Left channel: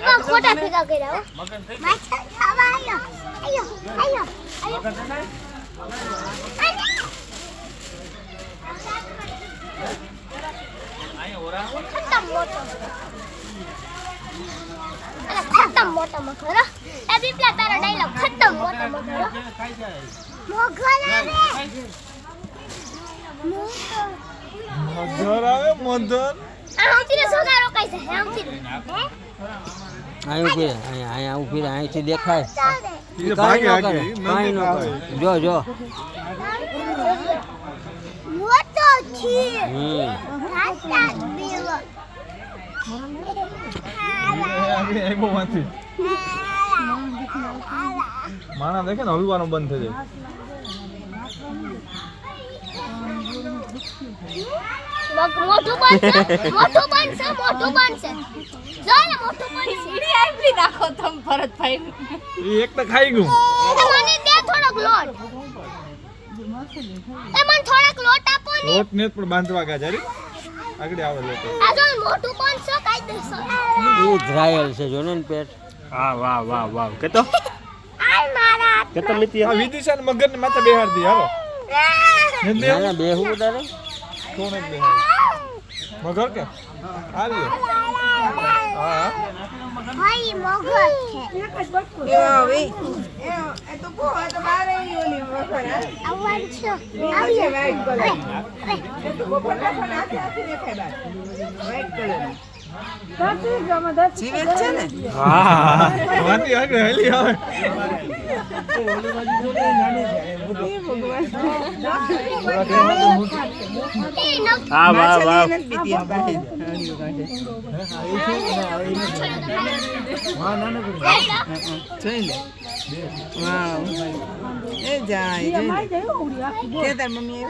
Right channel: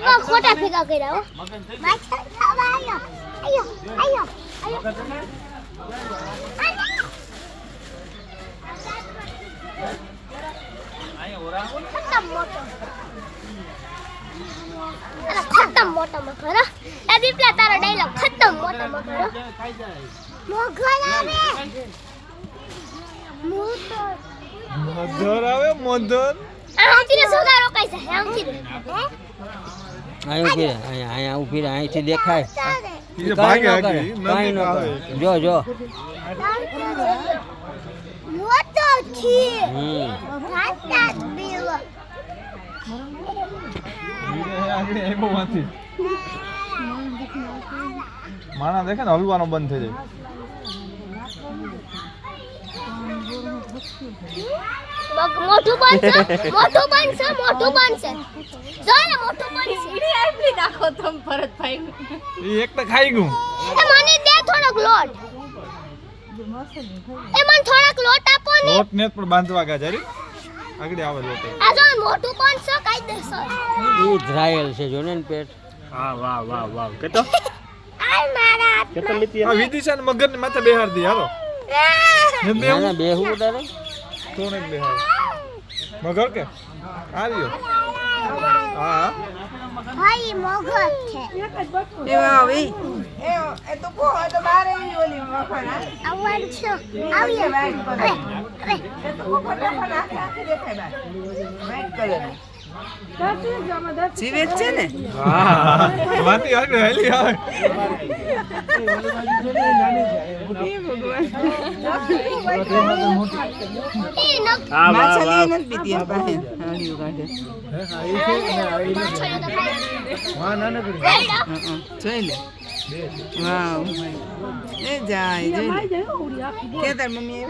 બા ખોટા ભેગા કર્યા હો માછા ખાવા આયો આયો આયો આયો ખતમ મોટો અરે ખતમ મોટો મગર એ દીપલા તારો ડાયલોગ ખતમ મોટો મગર મોગર આવે મોધર આવે મોધર આમથી સુગારો કાઈ છે આમથી અહીંયા ઉભી રહે અહીંથી દેખાય એ ભાગે કાંઈ ન કરે જો જો મોટો છે ખાતા દીવો એ બહુ વાંચી માણા દેખે ને હલવાનો બંધ થઈ જાય મોટું બનશે જો ને મોટું બનશે સીડી આપલી નાખો તમ ભરતભાઈ એ એક તો ખાઈ ગયું એ મને દે થોડોક લોટ એ મને થોડોક લોટ આપો ને લોટ ને પણ બાંધવા ગાજારી આગળ આવે લોટ આ જો મોટું બનશે કાઈ દેસો એ ધ્રાયલ છે જો ને પેટ હા વાહ વાહ વાહ કેતો આ મારા કેતો લીધી આ વિદિશા ને મગર ને માથે બેહાર દી હાલો ના બેહું તારે કોણ એક બેહાર મગર કે આવ્યો હા ભાઈ મગર છે એવા ભાઈ એ તો કો હોય તો બારે ઓલી વખર આવવાનું છે આવ્યો વાઈટ કલર અરે એ તો કો પણ આખે આખે દેખાય વાઈટ કલર જીવે છે ને હા વાતી આગળ હેલી આવે હા વાહ વાહ હા ના ના જોઈ લે એ જાય જોઈ લે કે તાર મમ્મી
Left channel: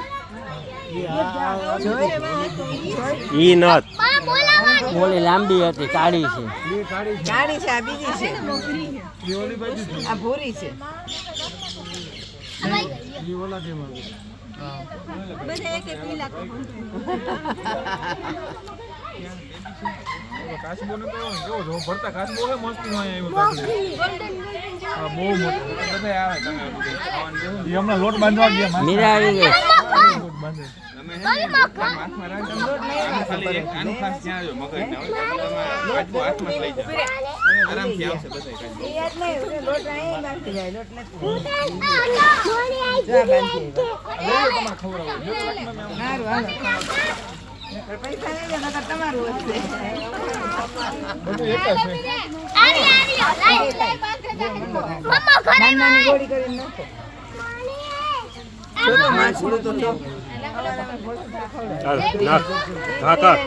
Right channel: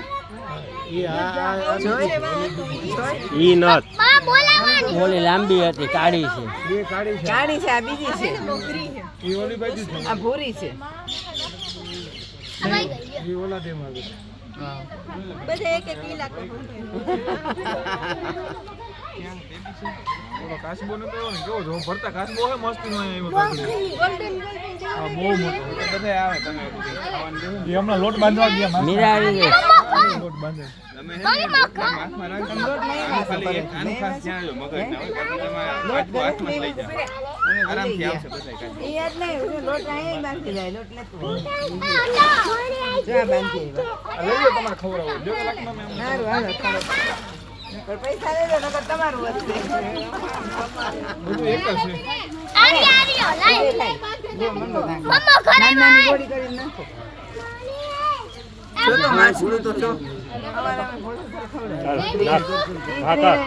ઈ નત માં બોલાવાનું ઓલી લાંબી હતી કાળી છે ગાડી છે આ બીજી છે એ ઓલી બાજુ છે આ ભૂરી છે એ ઓલા થી માં બધા એક એક ઇલાકો કાચબો ને તો જો જો ભરતા કાચબો હે મસ્તી માં આવ્યો આ બહુ મોટો બધા આવે તમે એ હમણાં લોટ બાંધવા ગયા મીરા આવી ગઈ લોટ બાંધે કોની મગર આની ખાસ જ્યાં આવ્યો મગર ના હાથમાં લઈ જાય આરામથી આવશે બધા કાચબો લોટ અહીં બાંધી જાય લોટ તમારે ખવડાવો જો લાખમાં સારું હાલો પણ પૈસા લઈ લો નકર તમારું વધશે બધું એક જ છે આર્યો લાઈ મમ્મા ઘરે નાની ગોળી કરીને નાખો જો તો માછલું તો લો ચાલ હા કર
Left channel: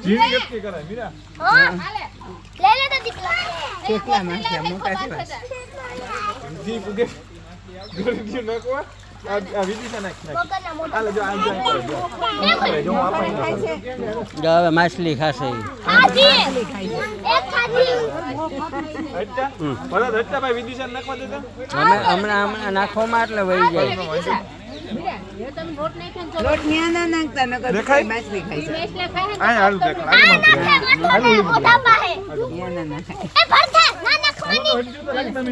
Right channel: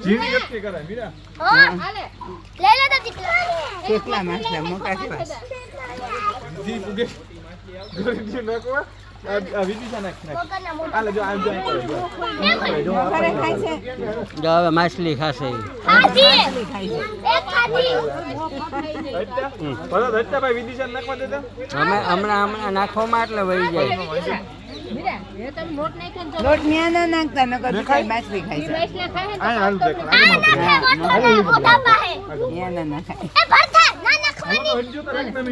જીવ કેટલી કરાય મીરા હાલે લઈ લે તો દીકલા કેટલા માછલા મોટા છે જીવ ઉગે ગોળી જીવ નાખવા આ વિધિસા નાખ મગરના મોટા આ જો આ જો જો આપણે જો હવે માછલી ખાશે ઈ ખાધી એક ખાધી હટ્ટા પરત હટ્ટા ભાઈ વિધિસા નાખવા દેતા હમણાં નાખવામાં એટલે વહી જાય લોટ ન્યા ના નાખતા નકર માછલી ખાઈ છે આ હાલ દેખ આગળ હાલ મોટા પાસે ન્યા ના નાખાય એ ભરતા ના નાખવાની હટજો તો રાખ ને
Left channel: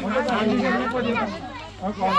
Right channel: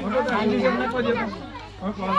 મોટો તો આ વિધિસા નાખવા દેતા હા